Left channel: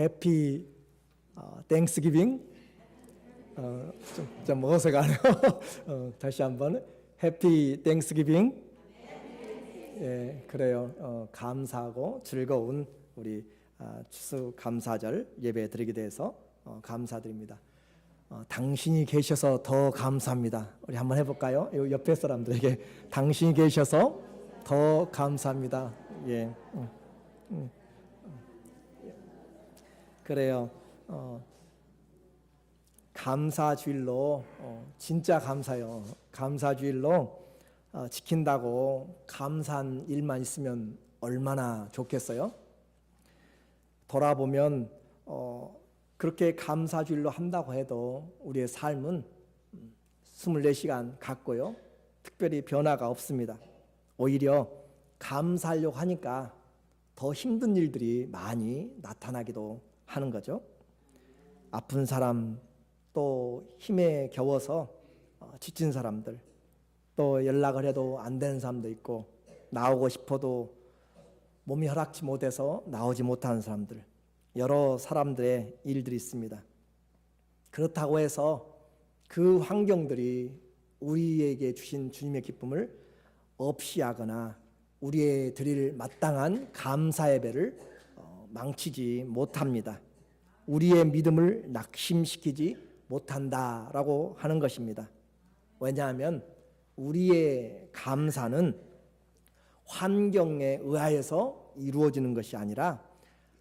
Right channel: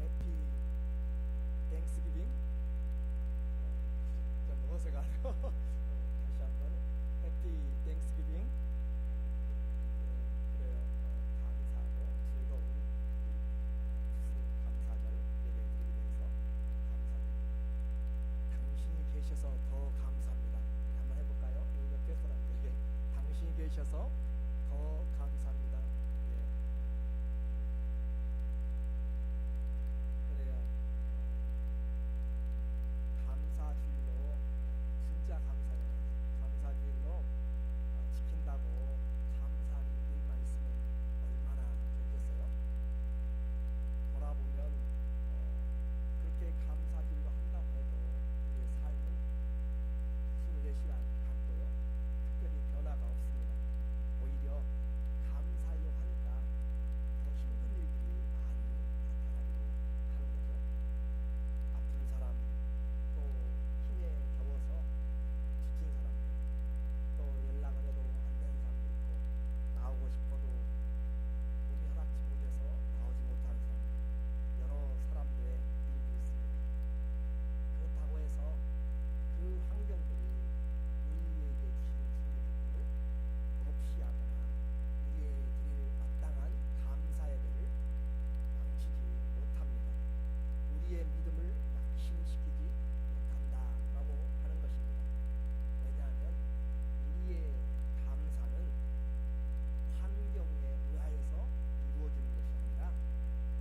해피 땡스기빙. 좀 어색하네요. 다시 한번 해피 땡스기빙. 예, 그래요. 감사하고 즐거운 우리 추수 감사절 예배 드리게 돼서 감사드립니다. 당신이 계셔서 더 감사합니다. 우리 한번 해볼까요? 옆에 사람들에게 당신이 계셔서 더 감사합니다. 예, 그래요. 감사주일로 진짜 감사요. 감사주일로 지킨다고 감사한 일만 있으면 얼마나 좋겠어요? 돌아보면 그렇게 감사주일로 한다고 해도 우리의 삶은 24시간 같고요. 특별히 변화가 없습니다. 오히려 감사하려고 하니까 더 힘든 일들이 많이 나타나기도 하는 거죠. 아픈 사람, 또 힘에 겨워서 지친 사람들, 또 연락을 해도 안 되는 사람도 있고, 나오고 싶어도 몸이 허락지 못해서 나오지 못하는 사람들, 여러 사람들의 일들이 있습니다. 그렇다고 해서 그 환경들이 우리에게 주신 주님의 기쁨을 없이 하거나 우리의 드릴 마땅한 감사 예배를 망치지 못합니다. 우리의 믿음을 낙심시키지 못한다라고 하는 것입니다. 왜냐하면 우리의 감사는 환경에 의하여서 이루어지는 것이 아니라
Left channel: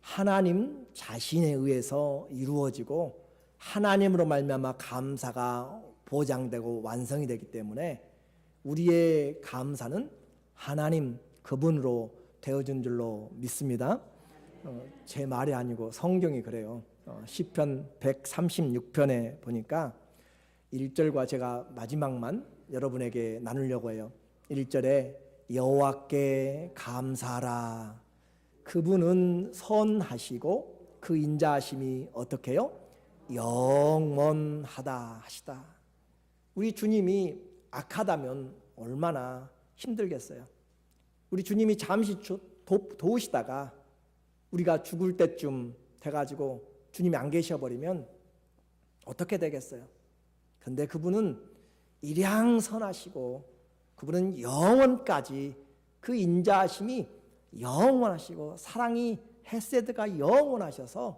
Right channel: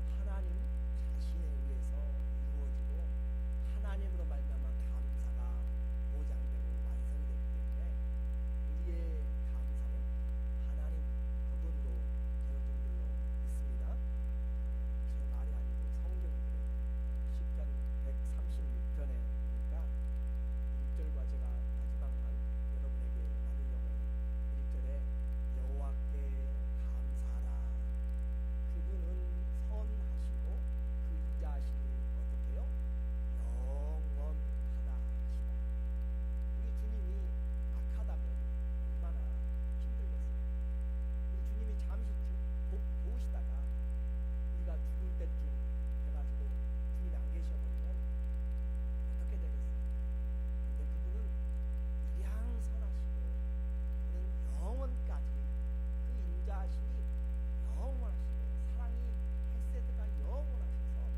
하나님 자신에 의해서 이루어지고, 하나님으로 말미암아 감사가 보장되고 완성이 되기 때문에 우리의 감사는 하나님 그분으로 되어준 줄로 믿습니다. 제 말이 아니고 성경이 그래요. 시편 136편에 보니까 1절과 제가 마지막만 여러분에게 나누려고 해요. 1절에 여호와께 감사하라. 그분은 선하시고 그 인자하심이 어떻게 해요? 영원하다 하시다. 우리 주님이 악하다면 얼마나 힘들겠어요. 우리 주님이 잠시 도우시다가 우리가 죽을 때쯤 돼가지고 주님이 안 계셔버리면 어떻게 되겠어요? 근데 그분은 일양선하시고 그분은 영원까지 그 인자하심이 영원하시고 사랑이 헤세드가 영원하셔서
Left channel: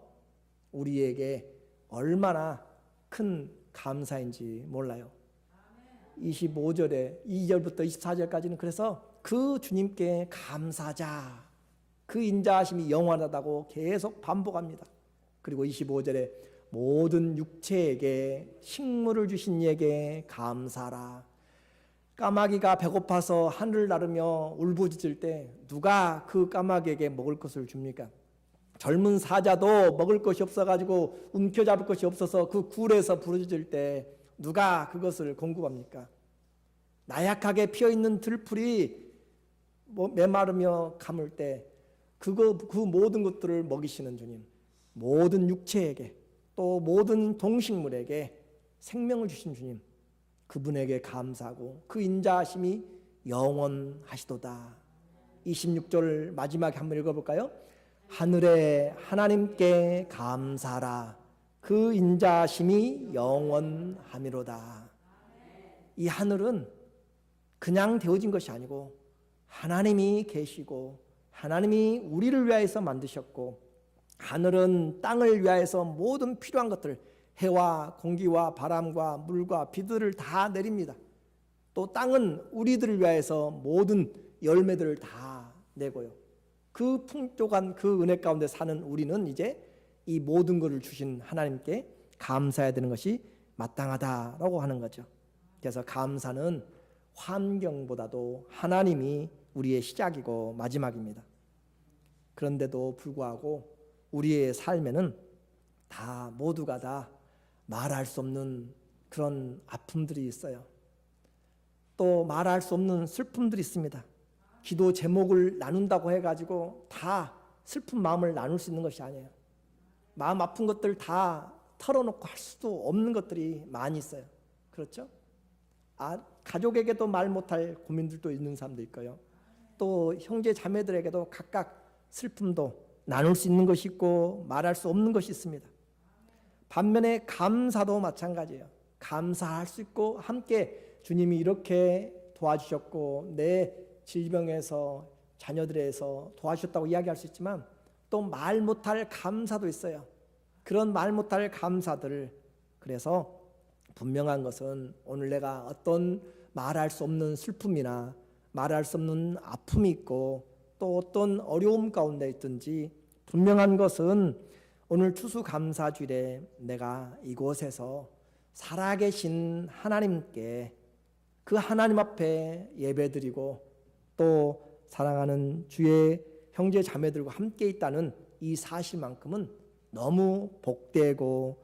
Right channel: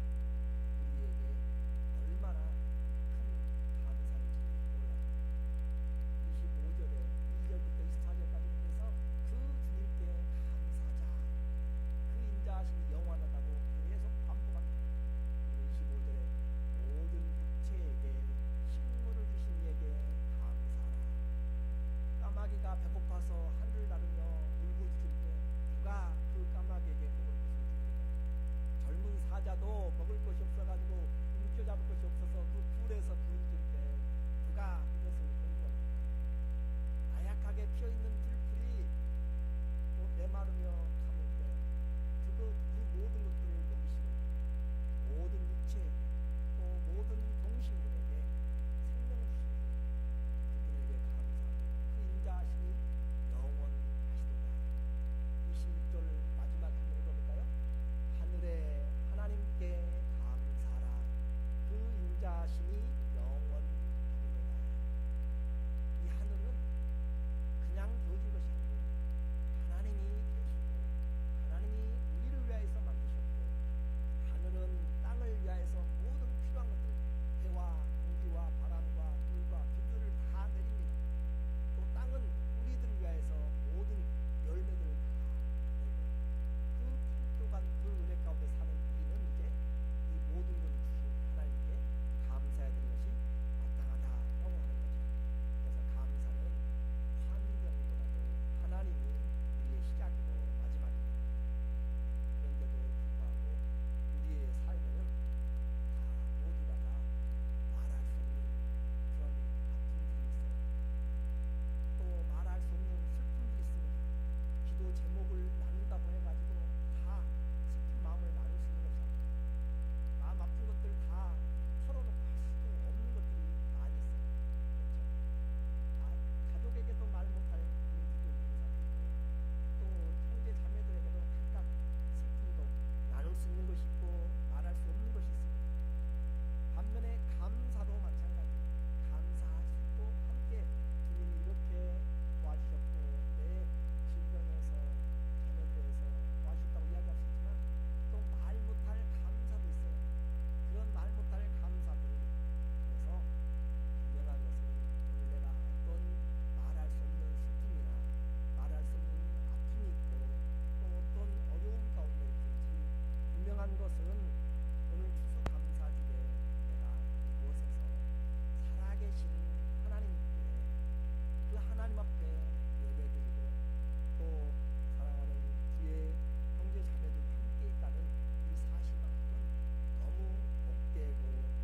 우리에게 얼마나 큰 감사인지 몰라요. 25절에 2절부터 24절까지는 그래서 그 주님께 감사하자, 그 인자하심이 영원하다고 계속 반복합니다. 그리고 25절에 모든 육체에게 식물을 주신 이에게 감사하라. 까마귀가 배고파서 하늘을 나르며 울부짖을 때 누가 그 까마귀에게 먹을 것을 줍니까? 젊은 사자도 먹을 것이 없어가지고 움켜잡을 것이 없어서 그 굴에서 부르짖을 때 누가 그것을 공급합니까? 나약하게 피어있는 들풀이 메마르며 감을 때 그 모든 것들을 먹이시는 주님, 모든 육체에게 또 모든 동식물에게 생명을 주신 주님, 그분에게 감사하고 그 인자하심이 영원하시도다. 26절 마지막에 한번 읽어볼까요? 하늘의 하나님께 감사하라. 그 인자하심이 영원하미로다. 이 하늘은 그냥 되어진 것이 아니고 하나님이 계시고 하나님이 우리를 위하여서 만드셨고, 하늘은 땅을 위하여서 모든 필요한 것들, 해와 공기와 바람과 물과 비들을 다 내립니다. 또 땅은 우리들을 위하여서 모든 열매들을 다 내고요. 그 풍족한 그 은혜 가운데 사는 우리는 이제 이 모든 것을 주신 하나님께 감사해야 되는 것이 마땅하다라고 하는 거죠. 그래서 감사는 환경보다도 하나님이 우리의 시작이고 마지막입니다. 그런데도 불구하고 우리의 삶에는 다 모두가 다 말할 수 없는 그런 아픔들이 있어요. 또 말할 수 없는 슬픔들이 있습니다. 기도 제목을 나눈다고 해가지고 다 슬픈 마음을 나눌 수 있는 것이 아니에요. 마음 아픈 것들 다 털어놓고 할 수도 없는 것들이 많이 있어요. 그렇죠? 가족에게도 말 못할 고민들도 있는 사람도 있고요. 또 형제 자매들에게도 각각 슬픔도 나눌 수 있는 것이 있고 말할 수 없는 것이 있습니다. 반면에 감사도 마찬가지예요. 감사할 수 있고 함께 주님이 이렇게 도와주셨고 내 질병에서 자녀들에서 도와주셨다고 이야기할 수 있지만 또 말 못할 감사도 있어요. 그런 말 못할 감사들. 그래서 분명한 것은 오늘 내가 어떤 말할 수 없는 슬픔이나 말할 수 없는 아픔이 있고 또 어떤 어려움 가운데 있든지 분명한 것은 오늘 추수감사주일에 내가 이곳에서 살아계신 하나님께 그 하나님 앞에 예배드리고 또 사랑하는 주의 형제 자매들과 함께 있다는 이 사실만큼은 너무 복되고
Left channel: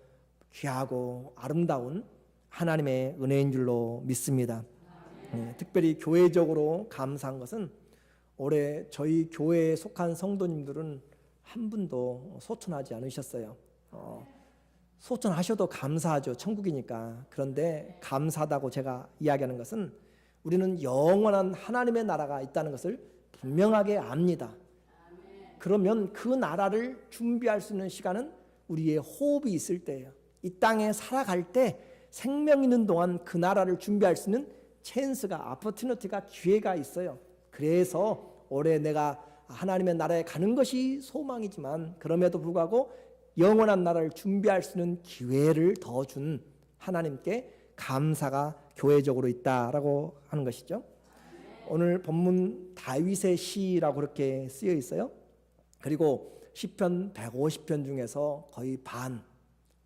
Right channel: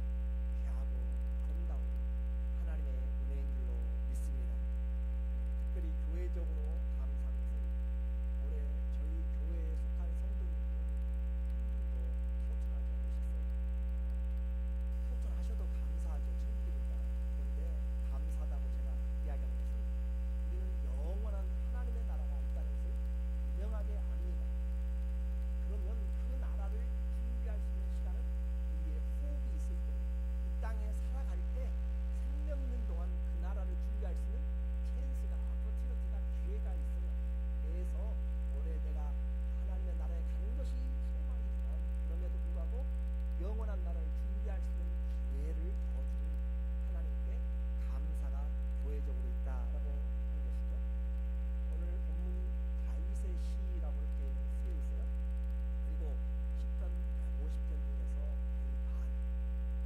귀하고 아름다운 하나님의 은혜인 줄로 믿습니다. 특별히 교회적으로 감사한 것은 올해 저희 교회에 속한 성도님들은 한 분도 소천하지 않으셨어요. 소천하셔도 감사하죠. 천국이니까. 그런데 감사하다고 제가 이야기하는 것은 우리는 영원한 하나님의 나라가 있다는 것을 분명하게 압니다. 그러면 그 나라를 준비할 수 있는 시간은 우리의 호흡이 있을 때예요. 이 땅에 살아갈 때 생명 있는 동안 그 나라를 준비할 수 있는 찬스가, 아퍼튜니티가, 기회가 있어요. 그래서 올해 내가 하나님의 나라에 가는 것이 소망이지만 그럼에도 불구하고 영원한 나라를 준비할 수 있는 기회를 더 준 하나님께 감사가 교회적으로 있다라고 하는 것이죠. 오늘 본문 다윗의 시라고 그렇게 쓰여 있어요. 그리고 시편 150편 중에서 거의 반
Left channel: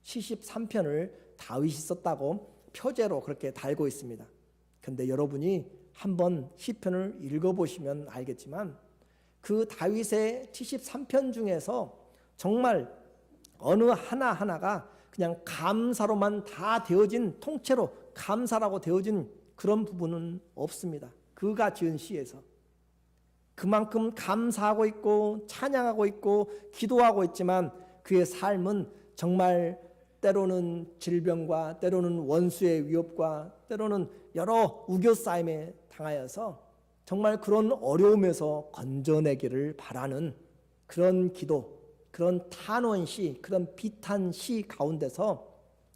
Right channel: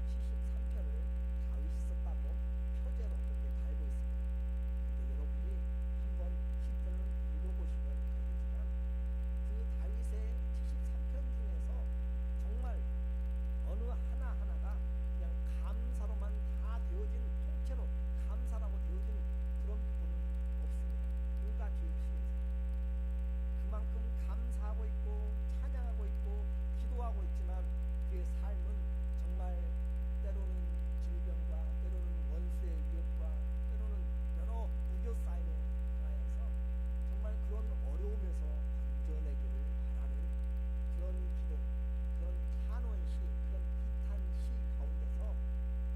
73편을 다윗이 썼다고 표제로 그렇게 달고 있습니다. 근데 여러분이 한번 시편을 읽어보시면 알겠지만 그 다윗의 73편 중에서 정말 어느 하나하나가 그냥 감사로만 다 되어진, 통째로 감사라고 되어진 그런 부분은 없습니다. 그가 지은 시에서 그만큼 감사하고 있고 찬양하고 있고 기도하고 있지만 그의 삶은 정말 때로는 질병과 때로는 원수의 위협과 때로는 여러 우겨싸임에 당하여서 정말 그런 어려움에서 건져내기를 바라는 그런 기도, 그런 탄원시, 그런 비탄시 가운데서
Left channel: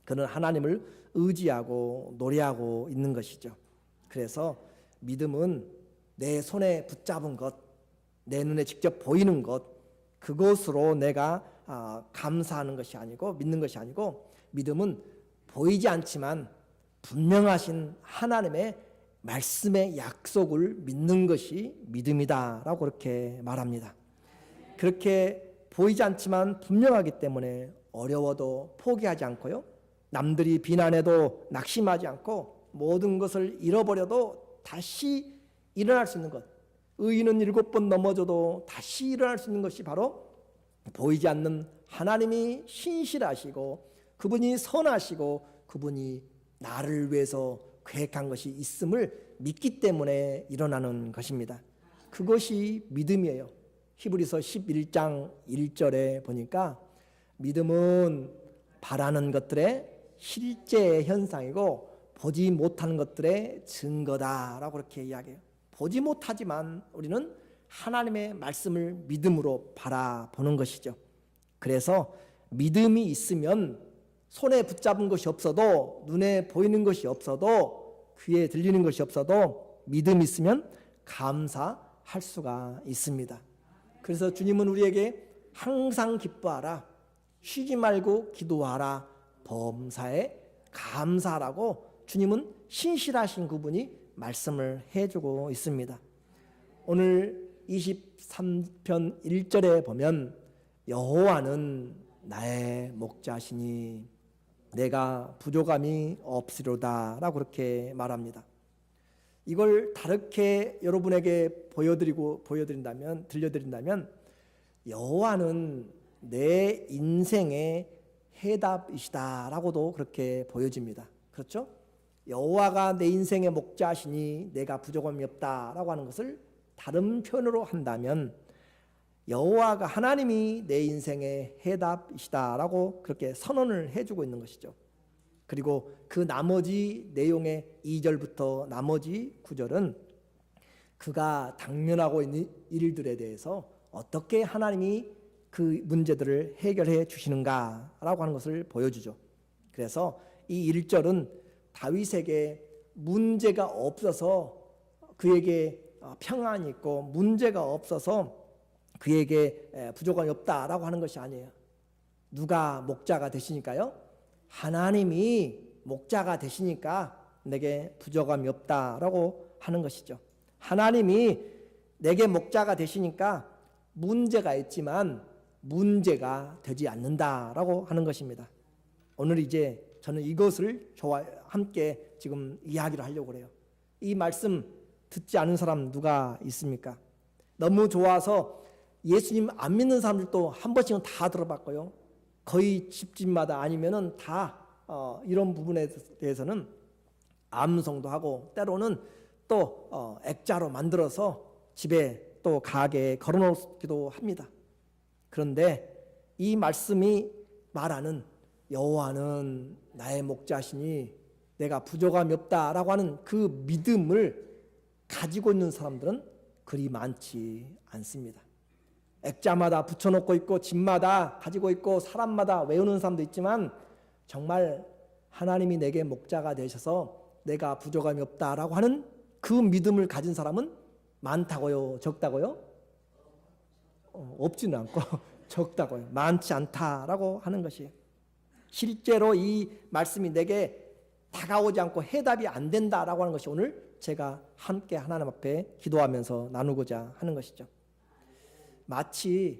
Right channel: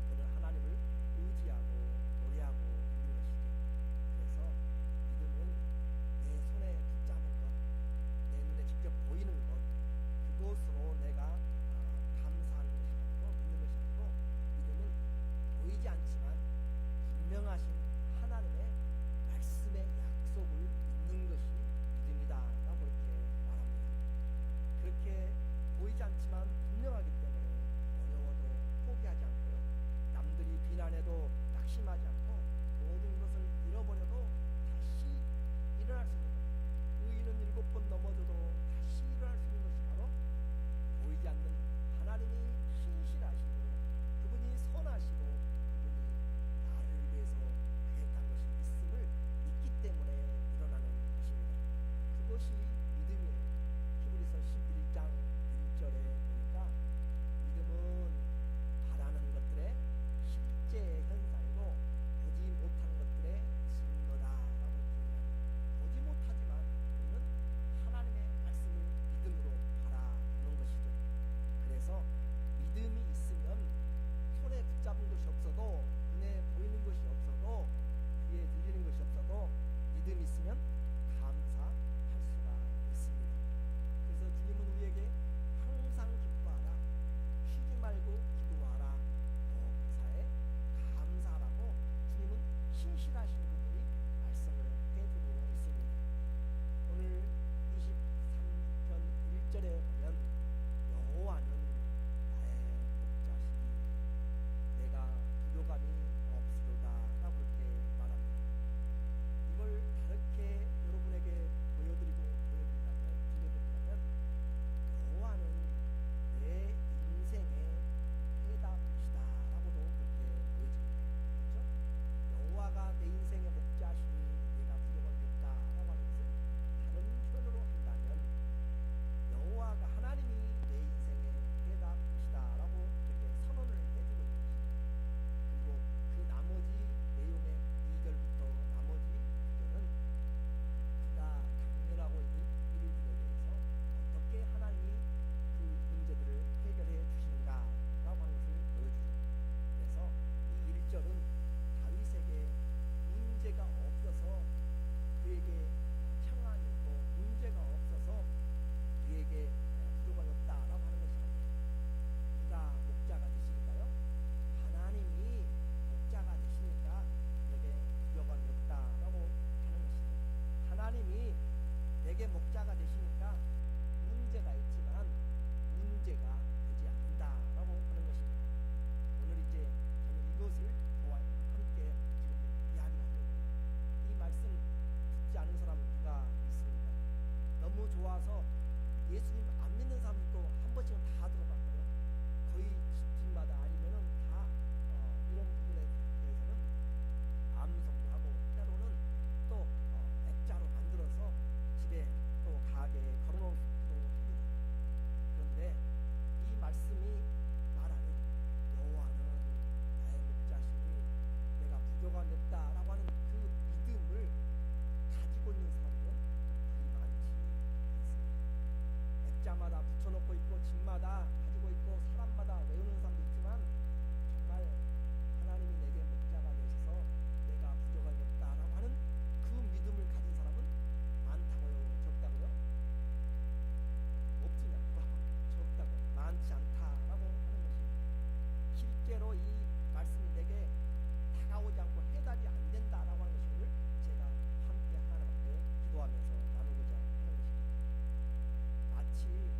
그는 하나님을 의지하고 노래하고 있는 것이죠. 그래서 믿음은 내 손에 붙잡은 것, 내 눈에 직접 보이는 것, 그것으로 내가 감사하는 것이 아니고 믿는 것이 아니고, 믿음은 보이지 않지만 분명하신 하나님의 말씀의 약속을 믿는 것이 믿음이다라고 그렇게 말합니다. 그렇게 보이지 않지만 분명하기 때문에 어려워도 포기하지 않고요, 남들이 비난해도 낙심하지 않고 모든 것을 잃어버려도 다시 일어날 수 있는 것, 의인은 7번 넘어져도 다시 일어날 수 있는 것이 바로 보이지 않는 하나님이 신실하시고 그분이 선하시고 그분이 나를 위해서 계획한 것이 있음을 믿기 때문에 일어나는 것입니다. 그것이 믿음이에요. 히브리서 11장 1절에 보니까 믿음은 바라는 것들의 실제 현상이고 보지 못하는 것들의 증거다라고 그렇게 이야기해요. 보지 못하지만 우리는 하나님의 말씀을 믿음으로 바라보는 것이죠. 그래서 믿음이 있으면 손에 붙잡은 것이 없어도, 눈에 보이는 것이 없어도, 귀에 들리는 것이 없어도 믿음이 있으면 감사할 수가 있습니다. 그래서 주님은 우리에게 항상 기뻐하라, 쉬지 말고 기도하라, 범사에 감사하라고 주님은 신실하신 그분이 말씀을 해주고 있습니다. 오늘 23편 1절에 보면 여호와는 나의 목자시니 내가 부족함이 없으리로다 라고 그렇게 말합니다. 이걸 다르게 여러분에게 들려드린다면 여호와는 내 인생의 해답이시다 라고도 그렇게 보여집니다. 그렇죠? 여호와가 내 인생의 목자시니 내가 부족함이 없다 라고 하는 것을 다른 표현으로 한다면 여호와가, 하나님이 내 인생의 해답이시다 라고 그렇게 선언을 해주고 있는 것이죠. 그리고 그 나머지 내용의 2절부터 나머지 9절은 그가 당면하고 있는 일들에 대해서 어떻게 하나님이 그 문제들을 해결해 주시는가라고 하는 것을 보여주죠. 그래서 이 1절은 다윗에게 문제가 없어서 그에게 평안이 있고 문제가 없어서 그에게 부족함이 없다라고 하는 것이 아니에요. 누가 목자가 되시니까요? 하나님이 목자가 되시니까 내게 부족함이 없다라고 하는 것이죠. 하나님이 내게 목자가 되시니까 문제가 있지만 문제가 되지 않는다라고 하는 것입니다. 오늘 이제 저는 이것을 함께 지금 이야기를 하려고 그래요. 이 말씀 듣지 않은 사람 누가 있습니까? 너무 좋아서 예수님 안 믿는 사람들도 한 번씩은 다 들어봤고요. 거의 집집마다 아니면은 다 이런 부분에 대해서는 암송도 하고 때로는 또 액자로 만들어서 집에 또 가게에 걸어놓기도 합니다. 그런데 이 말씀이 말하는 여호와는 나의 목자시니 내가 부족함이 없다라고 하는 그 믿음을 가지고 있는 사람들은 그리 많지 않습니다. 액자마다 붙여놓고 있고 집마다 가지고 있고 사람마다 외우는 사람도 있지만 정말 하나님이 내게 목자가 되셔서 내가 부족함이 없다라고 하는 그 믿음을 가진 사람은 많다고요? 적다고요? 없지는 않고 적다고요. 많지 않다라고 하는 것이 실제로 이 말씀이 내게 다가오지 않고 해답이 안 된다라고 하는 것이 오늘 제가 함께 하나님 앞에 기도하면서 나누고자 하는 것이죠. 마치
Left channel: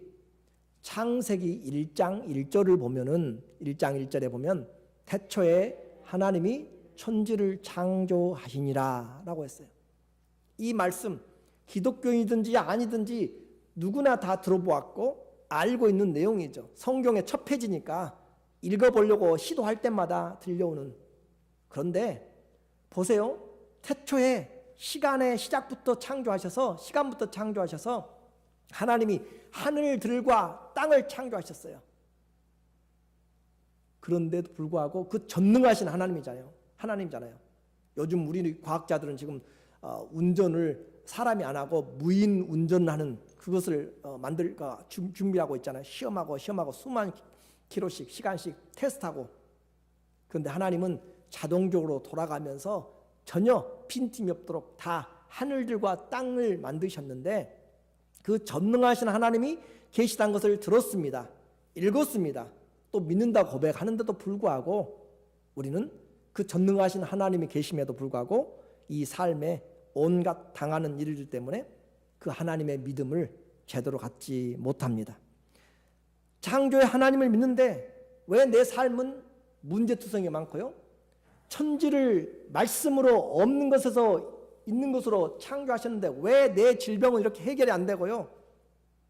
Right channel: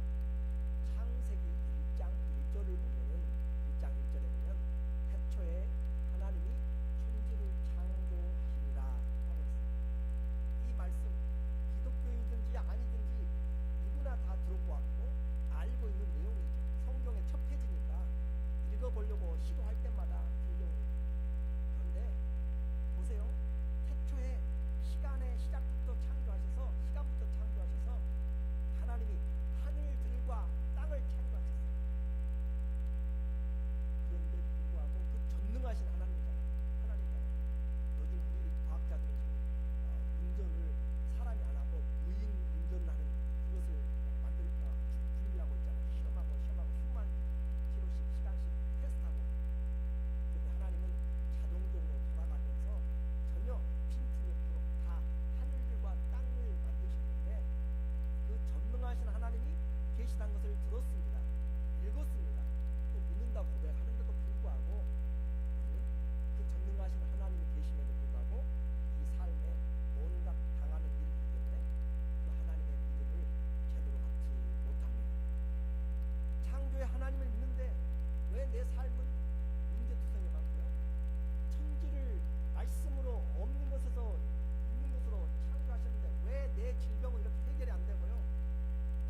창세기 1장 1절을 보면은 1장 1절에 보면 태초에 하나님이 천지를 창조하시니라 라고 했어요. 이 말씀 기독교인이든지 아니든지 누구나 다 들어보았고 알고 있는 내용이죠. 성경의 첫 페이지니까 읽어보려고 시도할 때마다 들려오는. 그런데 보세요. 태초에 시간의 시작부터 창조하셔서 시간부터 창조하셔서 하나님이 하늘들과 땅을 창조하셨어요. 그런데도 불구하고 그 전능하신 하나님이잖아요. 요즘 우리 과학자들은 지금 운전을 사람이 안 하고 무인 운전하는 그것을 준비하고 있잖아요. 시험하고 수만 킬로씩 시간씩 테스트하고. 그런데 하나님은 자동적으로 돌아가면서 전혀 빈틈이 없도록 다 하늘들과 땅을 만드셨는데 그 전능하신 하나님이 계시다는 것을 들었습니다. 읽었습니다. 또 믿는다고 고백하는데도 불구하고 우리는 그 전능하신 하나님이 계심에도 불구하고 이 삶에 온갖 당하는 일들 때문에 그 하나님의 믿음을 제대로 갖지 못합니다. 창조의 하나님을 믿는데 왜 내 삶은 문제투성이 많고요? 천지를 말씀으로 없는 것에서 있는 것으로 창조하셨는데 왜 내 질병은 이렇게 해결이 안 되고요?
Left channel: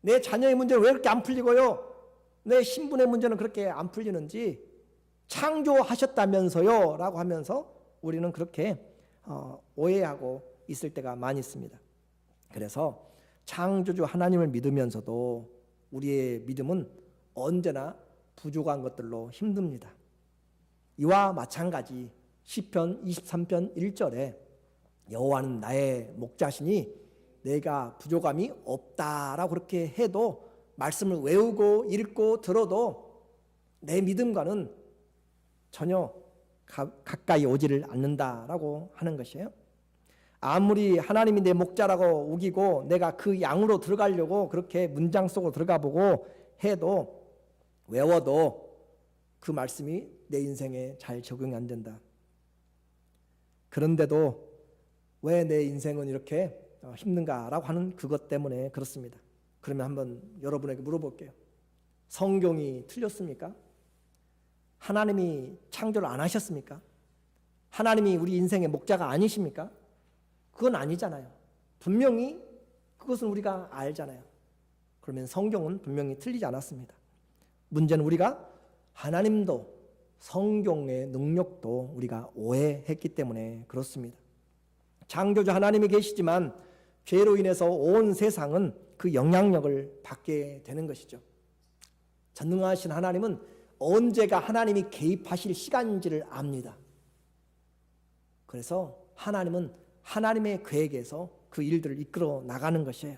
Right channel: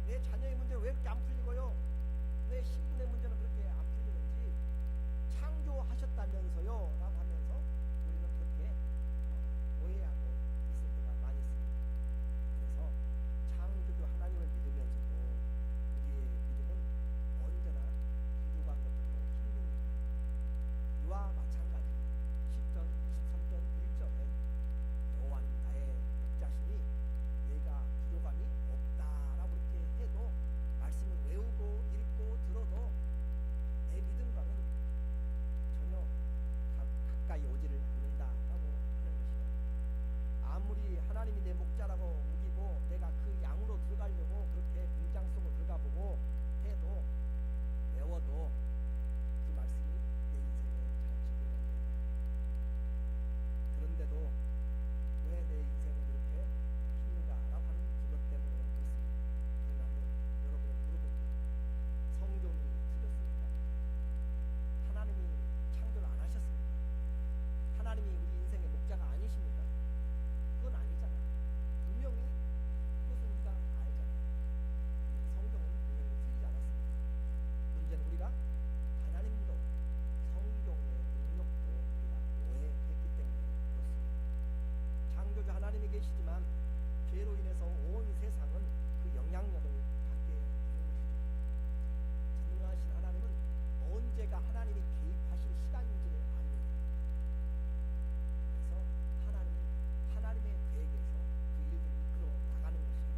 내 자녀의 문제는 왜 그렇게 안 풀리고요? 내 신분의 문제는 그렇게 안 풀리는지 창조하셨다면서요? 라고 하면서 우리는 그렇게 오해하고 있을 때가 많이 있습니다. 그래서 창조주 하나님을 믿으면서도 우리의 믿음은 언제나 부족한 것들로 힘듭니다. 이와 마찬가지 시편 23편 1절에 여호와는 나의 목자시니 내가 부족함이 없다라고 그렇게 해도 말씀을 외우고 읽고 들어도 내 믿음과는 전혀 가까이 오지를 않는다라고 하는 것이에요. 아무리 하나님이 내 목자라고 우기고 내가 그 양으로 들어가려고 그렇게 문장 속으로 들어가 보고 해도 외워도 그 말씀이 내 인생에 잘 적용이 안 된다. 그런데도 왜 내 인생은 이렇게 힘든가라고 하는 그것 때문에 그렇습니다. 그러면 한번 여러분에게 물어볼게요. 성경이 틀렸습니까? 하나님이 창조를 안 하셨습니까? 하나님이 우리 인생의 목자가 아니십니까? 그건 아니잖아요. 분명히 그것은 우리가 알잖아요. 그러면 성경은 분명히 틀리지 않았습니다. 문제는 우리가 하나님도 성경의 능력도 우리가 오해했기 때문에 그렇습니다. 창조주 하나님이 계시지만 죄로 인해서 온 세상은 그 영향력을 받게 되는 것이죠. 전능하신 하나님은 언제가 하나님이 개입하실 시간인지를 압니다. 그래서 하나님은 하나님의 계획에서 그 일들을 이끌어 나가는 것이에요.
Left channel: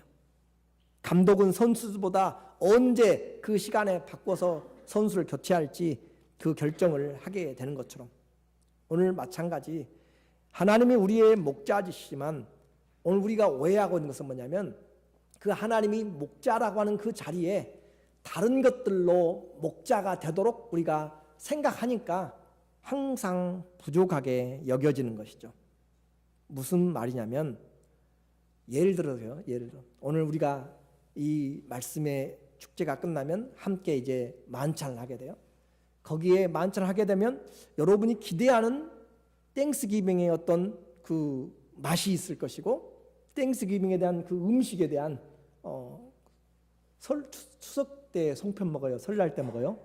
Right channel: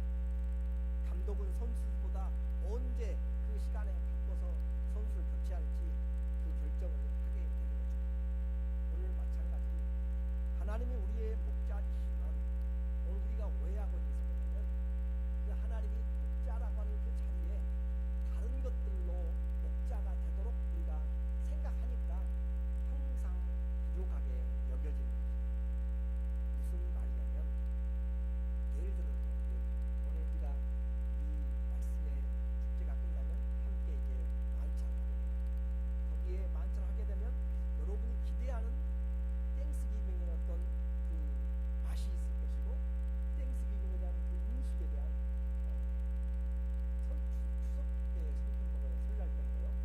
감독은 선수보다 언제 그 시간에 바꿔서 선수를 교체할지 그 결정을 하게 되는 것처럼 오늘 마찬가지 하나님이 우리의 목자이시지만 오늘 우리가 오해하고 있는 것은 뭐냐면 그 하나님이 목자라고 하는 그 자리에 다른 것들로 목자가 되도록 우리가 생각하니까 항상 부족하게 여겨지는 것이죠. 무슨 말이냐면 예를 들어서요. 오늘 우리가 이 말씀의 축제가 끝나면 함께 이제 만찬을 하게 돼요. 거기에 만찬을 하게 되면 여러분이 기대하는 땡스기빙의 어떤 그 맛이 있을 것이고 땡스기빙에 대한 그 음식에 대한 추석 때 송편 먹어요? 설날 때 먹어요?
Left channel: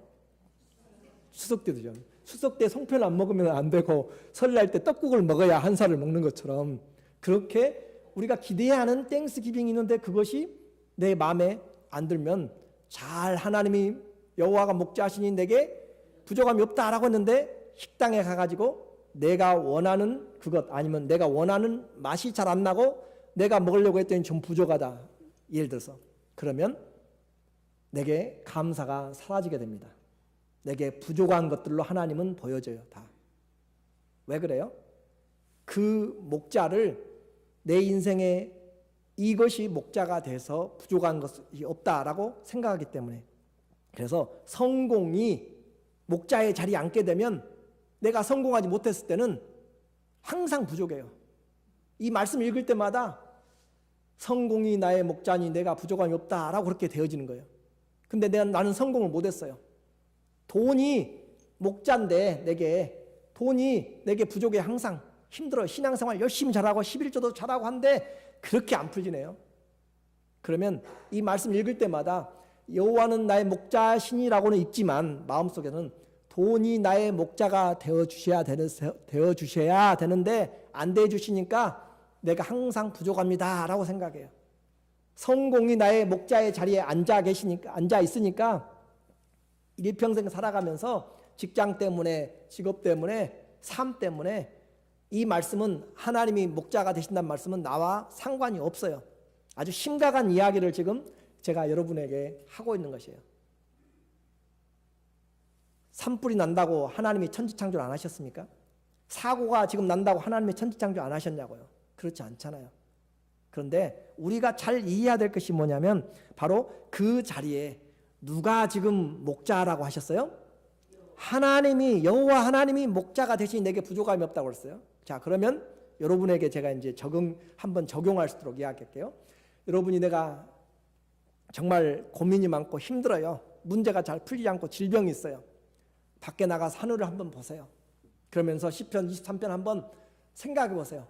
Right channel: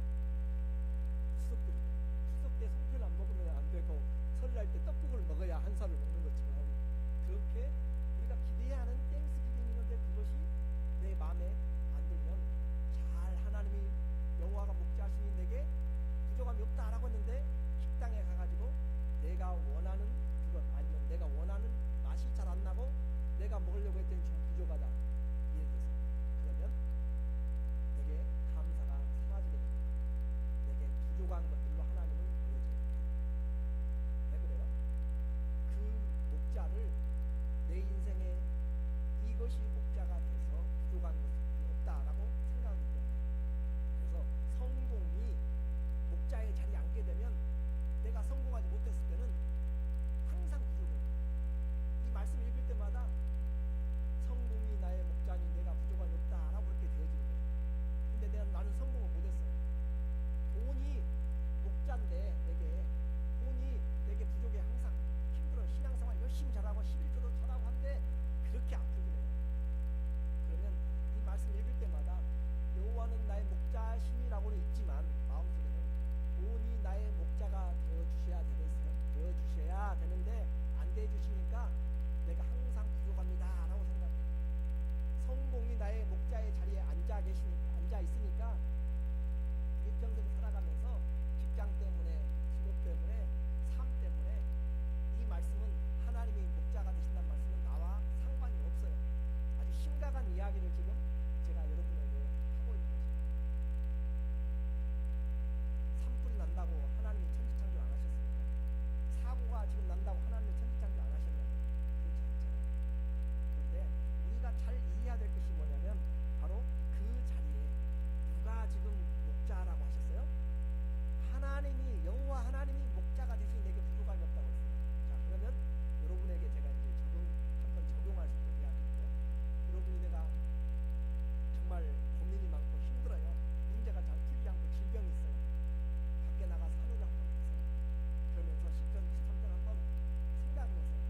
추석 때도죠. 추석 때 송편 안 먹으면 안 되고 설날 때 떡국을 먹어야 한 살을 먹는 것처럼 그렇게 우리가 기대하는 땡스기빙이 있는데 그것이 내 마음에 안 들면 잘 하나님이 여호와가 목자시니 내게 부족함이 없다라고 했는데 식당에 가가지고 내가 원하는 그것 아니면 내가 원하는 맛이 잘 안 나고 내가 먹으려고 했더니 좀 부족하다 예를 들어서 그러면 내게 감사가 사라지게 됩니다. 내게 부족한 것들로 하나님은 보여줘요. 다. 왜 그래요? 그 목자를 내 인생에 이것이 목자가 돼서 부족한 것이 없다라고 생각하기 때문에 그래서 성공이 목자의 자리에 앉게 되면 내가 성공하지 못했을 때는 항상 부족해요. 이 말씀 읽을 때마다 성공이 나의 목자니 내가 부족함이 없다라고 그렇게 되어지는 거예요. 근데 나는 성공을 못했어요. 돈이 목자인데 돈이 내게 부족해. 항상 힘들어. 신앙생활 열심히 잘하고 11조도 잘하고 한데 그렇게 안 풀리네요. 그러면 이 말씀 읽을 때마다 여호와는 나의 목자시니라고는 있지만 마음속에는 돈이 나의 목자가 되어주셔야 되는데 안 되어주시니까 내가 항상 부족합니다 라고 생각해요. 성공이 나의 목자의 자리에 앉아 있으니까 일평생 살아가면서 직장 때문에 직업 때문에 삶 때문에 이 말씀은 하나님이 목자가 되신다는 말씀은 나와 상관이 없어요. 아주 심각한 이야기를 지금 제가 여러분에게 하고 있는 것이에요. 산불이 난다고 하나님이 천지창조를 안 하셨습니까? 사고가 지금 난다고 하나님이 천지창조 안 하셨냐고요? 그렇지 않잖아요. 그런데 우리가 잘 이해해야 될 것이 뭐냐면 바로 그 자리에 누가 지금 목자라고 하셨어요? 하나님이 여호와 하나님이 목자가 대신 내게 부족함이 없다고 그랬어요. 자, 그러면 여러분에게 제가 이제 한번 적용할 수 있도록 이야기할게요. 여러분이 내가 정말 고민이 많고 힘들어요. 문제가 잘 풀리지 않고 질병이 있어요. 밖에 나가서 하늘을 한번 보세요. 그러면서 시편 23편 한번 생각해 보세요.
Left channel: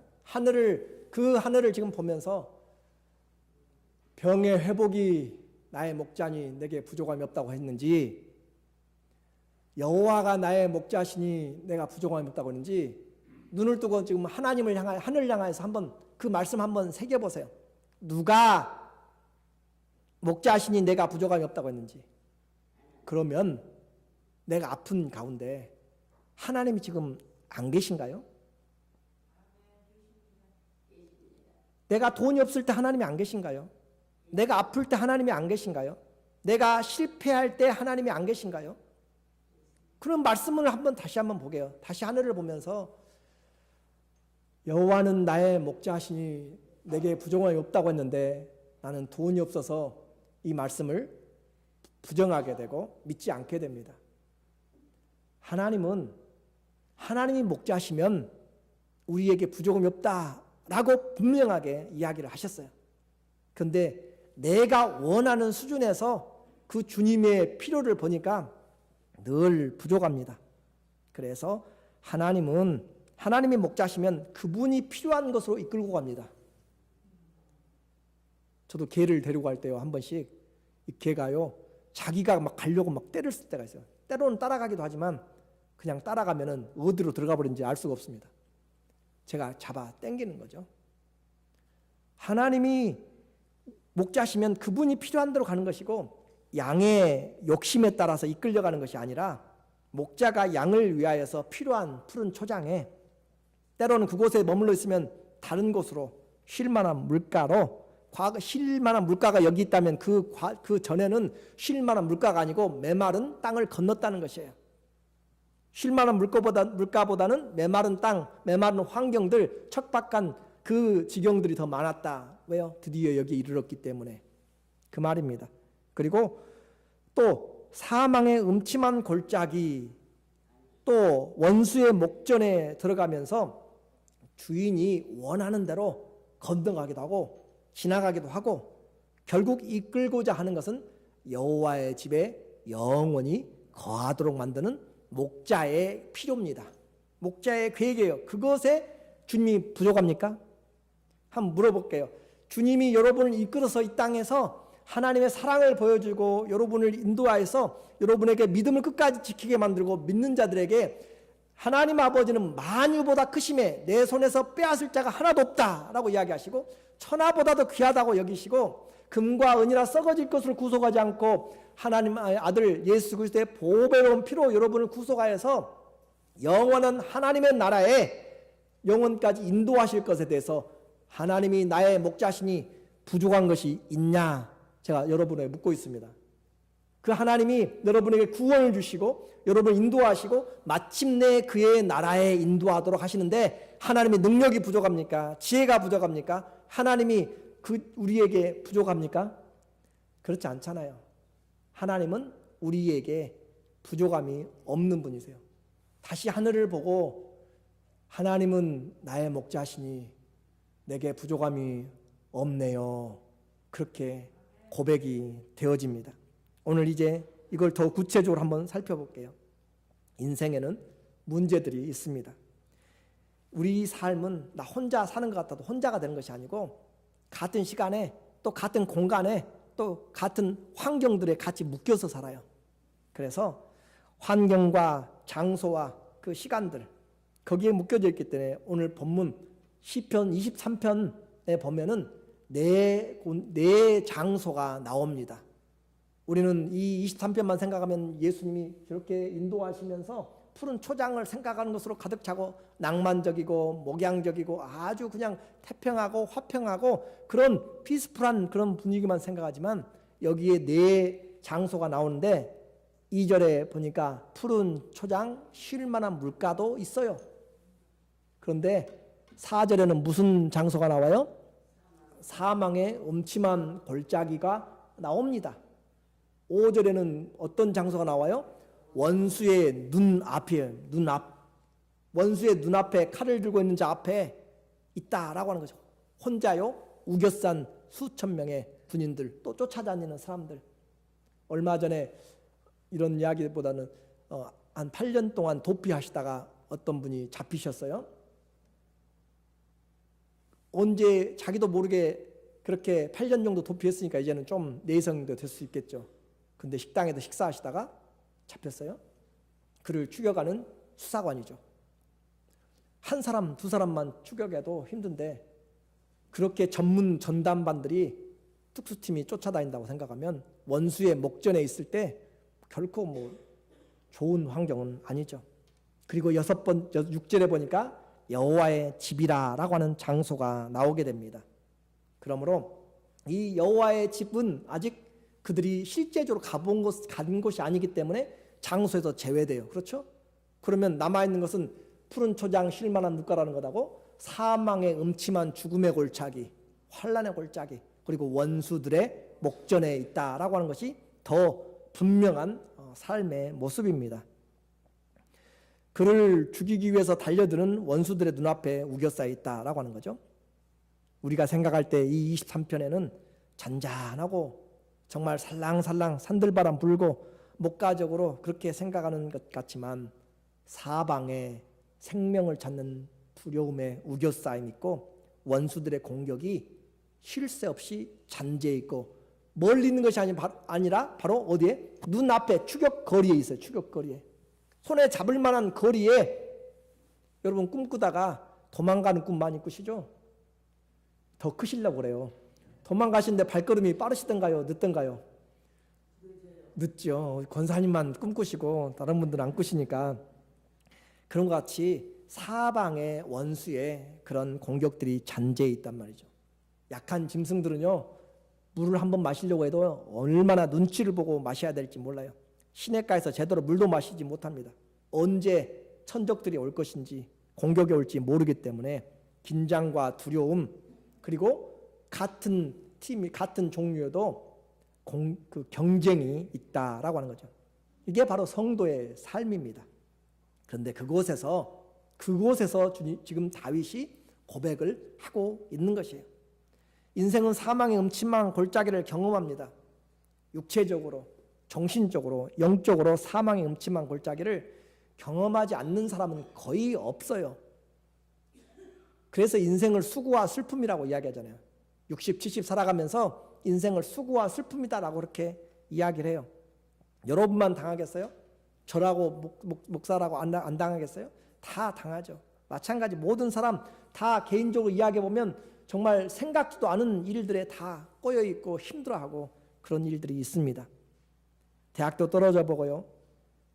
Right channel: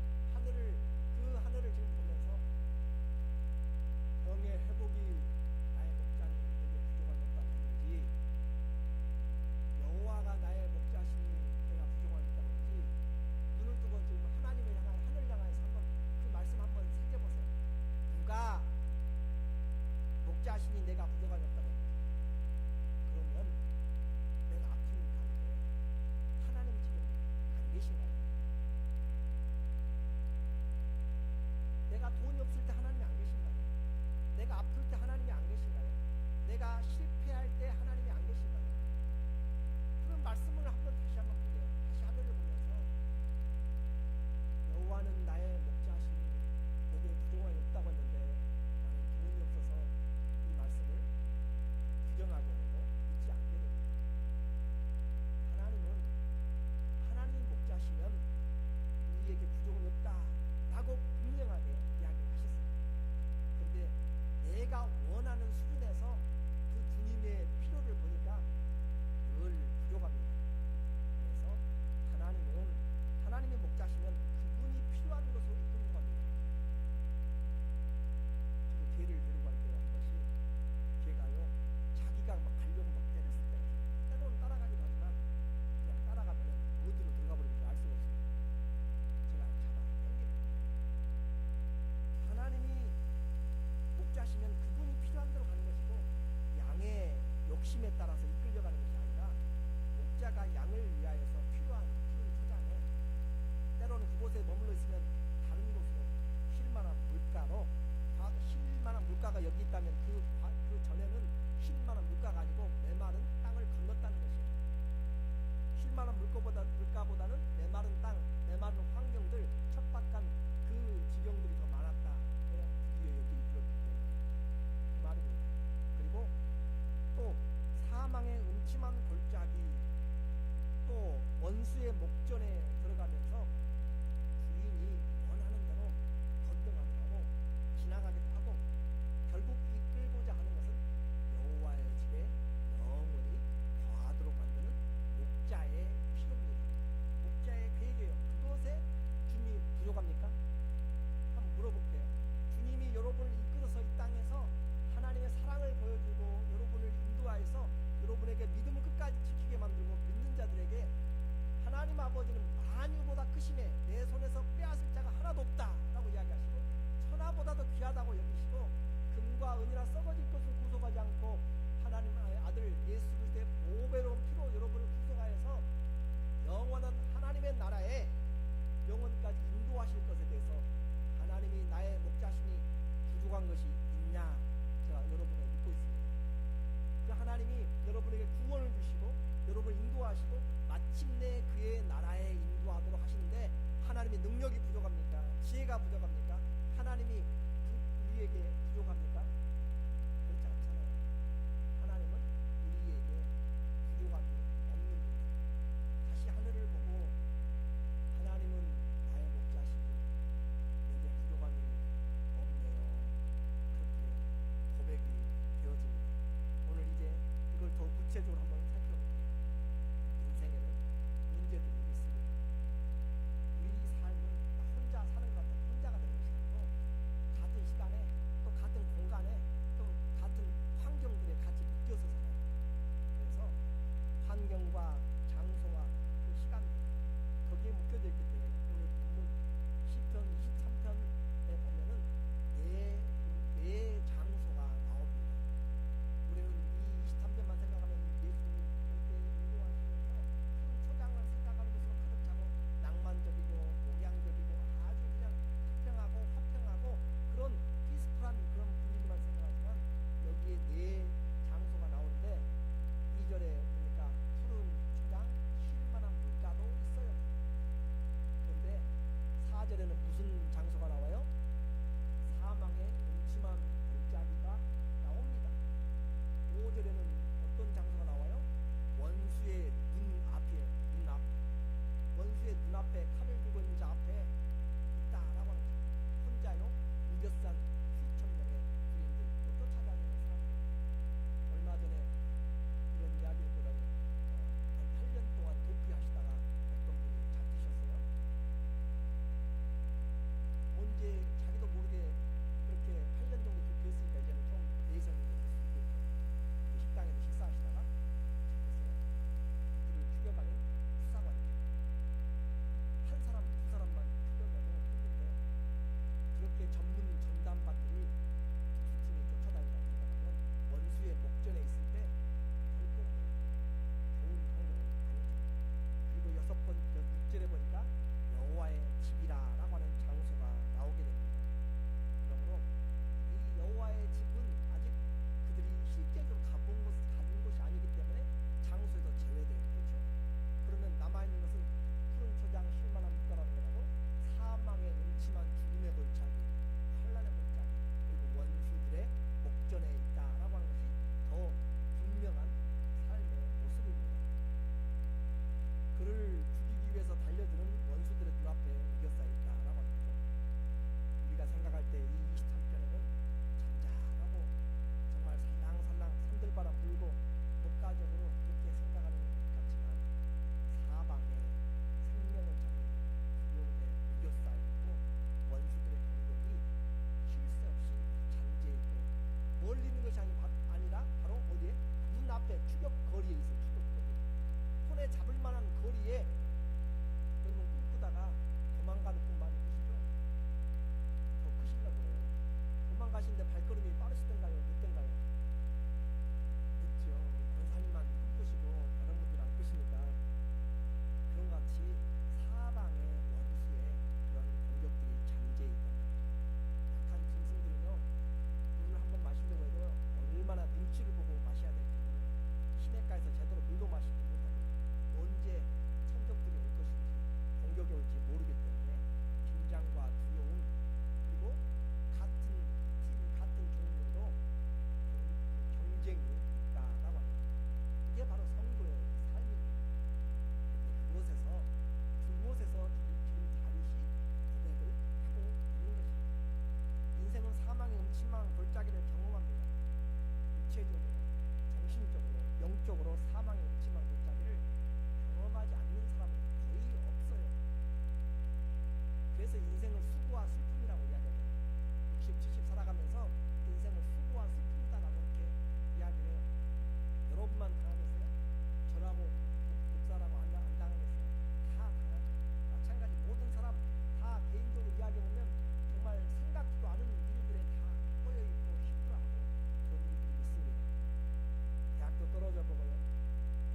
그 하늘을 지금 보면서 병의 회복이 나의 목자니 내게 부족함이 없다고 했는지 여호와가 나의 목자시니 내가 부족함이 없다고 했는지 눈을 뜨고 지금 하나님을 향하여 하늘을 향해서 한번 그 말씀 한번 새겨 보세요. 누가 목자시니 내가 부족함이 없다고 했는지. 그러면 내가 아픈 가운데 하나님이 지금 안 계신가요? 내가 돈이 없을 때 하나님이 안 계신가요? 내가 아플 때 하나님이 안 계신가요? 내가 실패할 때 하나님이 안 계신가요? 그런 말씀을 다시 한번 보게요. 다시 하늘을 보면서 여호와는 나의 목자시니 내게 부족함이 없다고 했는데 나는 돈이 없어서 이 말씀을 부정하게 되고 믿지 않게 됩니다. 하나님이 목자시면 우리에게 부족함이 없다라고 분명하게 이야기를 하셨어요. 그런데 내가 원하는 수준에서 그 주님의 필요를 보니까 늘 부족합니다. 그래서 하나님이 목자시면 그분이 필요한 것으로 이끌고 갑니다. 저도 개를 데리고 갈 때요, 한 번씩 이 개가요 자기가 막 가려고 막 때를 쓸 때가 있어요. 때로는 따라가기도 하지만 그냥 따라가면은 어디로 들어가 버린지 알 수가 없습니다. 제가 잡아 당기는 거죠. 하나님이 목자시면 그분이 필요한 대로 가는 것이고 양의 욕심에 따라서 이끌려가는 것이 아니라 목자가 양을 위하여서 필요한 푸른 초장에 때로는 그곳에 머물러 있으면 다른 곳으로 쉴 만한 물가로 과거 쉴 만한 물가가 여기 있다면 그 전에는 쉴 만한 물가가 아니고 메마른 땅을 건넜다는 것이에요. 쉴 만한 물가보다는 메마른 땅, 메마른 환경들, 척박한 그 지경들이 더 많았다. 왜요? 드디어 여기 이르렀기 때문에 그 말입니다. 그리고 또 사망의 음침한 골짜기, 또 원수의 목전에 들어가면서 주인이 원하는 대로 건너가기도 하고 지나가기도 하고 결국 이끌고자 하는 것은 여호와의 집에 영원히 거하도록 만드는 목자의 필요입니다. 목자의 계획이에요. 그것에 주님이 부족합니까? 한번 물어볼게요. 주님이 여러분을 이끌어서 이 땅에서 하나님의 사랑을 보여주고 여러분을 인도하여서 여러분에게 믿음을 끝까지 지키게 만들고 믿는 자들에게 하나님 아버지는 만유보다 크심에 내 손에서 빼앗을 자가 하나도 없다라고 이야기하시고 천하보다도 귀하다고 여기시고 금과 은이라 썩어질 것을 구속하지 않고 하나님 아들 예수 그리스도의 보배로운 피로 여러분을 구속하여서 영원한 하나님의 나라에 영원까지 인도하실 것에 대해서 하나님이 나의 목자시니 부족한 것이 있냐 제가 여러분에게 묻고 있습니다. 그 하나님이 여러분에게 구원을 주시고 여러분을 인도하시고 마침내 그의 나라에 인도하도록 하시는데 하나님의 능력이 부족합니까? 지혜가 부족합니까? 하나님이 우리에게 부족합니까? 그렇지 않잖아요. 하나님은 우리에게 부족함이 없는 분이세요. 다시 하늘을 보고 하나님은 나의 목자시니 내게 부족함이 없네요. 그렇게 고백이 되어집니다. 오늘 이제 이걸 더 구체적으로 한번 살펴볼게요. 인생에는 문제들이 있습니다. 우리 삶은 나 혼자 사는 것 같아도 혼자가 되는 것이 아니고 같은 시간에 또 같은 공간에 또 같은 환경들에 같이 묶여서 살아요. 그래서 환경과 장소와 그 시간들 거기에 묶여져 있기 때문에 오늘 본문 시편 23편에 보면은 네 장소가 나옵니다. 우리는 이 23편만 생각하면 예수님이 그렇게 인도하시면서 푸른 초장을 생각하는 것으로 가득 차고 낭만적이고 목양적이고 아주 그냥 태평하고 화평하고 그런 피스풀한 그런 분위기만 생각하지만 여기에 네 장소가 나오는데 2절에 보니까 푸른 초장 쉴 만한 물가도 있어요. 그런데 4절에는 무슨 장소가 나와요? 사망의 음침한 골짜기가 나옵니다. 5절에는 어떤 장소가 나와요? 원수의 눈앞이에요. 원수의 눈앞에 칼을 들고 있는 자 앞에 있다라고 하는 거죠. 혼자요 우겨싼 수천 명의 군인들 또 쫓아다니는 사람들. 얼마 전에 이런 이야기보다는 한 8년 동안 도피하시다가 어떤 분이 잡히셨어요. 언제 자기도 모르게 그렇게 8년 정도 도피했으니까 이제는 좀 내성도 될 수 있겠죠. 근데 식당에서 식사하시다가 잡혔어요. 그를 추격하는 수사관이죠. 한 사람 두 사람만 추격해도 힘든데 그렇게 전문 전담반들이 특수팀이 쫓아다닌다고 생각하면 원수의 목전에 있을 때 결코 뭐 좋은 환경은 아니죠. 그리고 6절에 보니까 여호와의 집이라라고 하는 장소가 나오게 됩니다. 그러므로 이 여호와의 집은 아직 그들이 실제적으로 간 곳이 아니기 때문에 장소에서 제외돼요. 그렇죠? 그러면 남아있는 것은 푸른 초장 쉴만한 물가라는 것하고 사망의 음침한 죽음의 골짜기, 환난의 골짜기, 그리고 원수들의 목전에 있다라고 하는 것이 더 분명한 삶의 모습입니다. 그를 죽이기 위해서 달려드는 원수들의 눈앞에 우겨싸여 있다라고 하는 거죠. 우리가 생각할 때 이 23편에는 잔잔하고 정말 살랑살랑 산들바람 불고 목가적으로 그렇게 생각하는 것 같지만 사방에 생명을 찾는 두려움에 우겨싸임 있고 원수들의 공격이 쉴 새 없이 잔재해 있고 멀리 있는 것이 아니라 바로 어디에? 눈앞에 추격거리에 있어요. 추격거리에 손에 잡을 만한 거리에 여러분 꿈꾸다가 도망가는 꿈 많이 꾸시죠? 더 크시려고 그래요. 도망가시는데 발걸음이 빠르시던가요? 늦던가요? 늦죠. 권사님만 꿈꾸시고 다른 분들은 안 꾸시니까. 그런 것 같이 사방의 원수의 그런 공격들이 잔재해 있단 말이죠. 약한 짐승들은요, 물을 한번 마시려고 해도 얼마나 눈치를 보고 마셔야 될지 몰라요. 시냇가에서 제대로 물도 마시지 못합니다. 언제 천적들이 올 것인지, 공격이 올지 모르기 때문에 긴장과 두려움, 그리고 같은 팀이 같은 종류여도 그 경쟁이 있다라고 하는 거죠. 이게 바로 성도의 삶입니다. 그런데 그곳에서 지금 다윗이 고백을 하고 있는 것이에요. 인생은 사망의 음침한 골짜기를 경험합니다. 육체적으로, 정신적으로, 영적으로 사망의 음침한 골짜기를 경험하지 않는 사람은 거의 없어요. 그래서 인생을 수고와 슬픔이라고 이야기하잖아요. 60, 70 살아가면서 인생을 수고와 슬픔이다라고 그렇게 이야기를 해요. 여러분만 당하겠어요? 저라고 목사라고 안 당하겠어요? 다 당하죠. 마찬가지 모든 사람 다 개인적으로 이야기해보면 정말 생각지도 않은 일들에 다 꼬여있고 힘들어하고 그런 일들이 있습니다. 대학도 떨어져 보고요,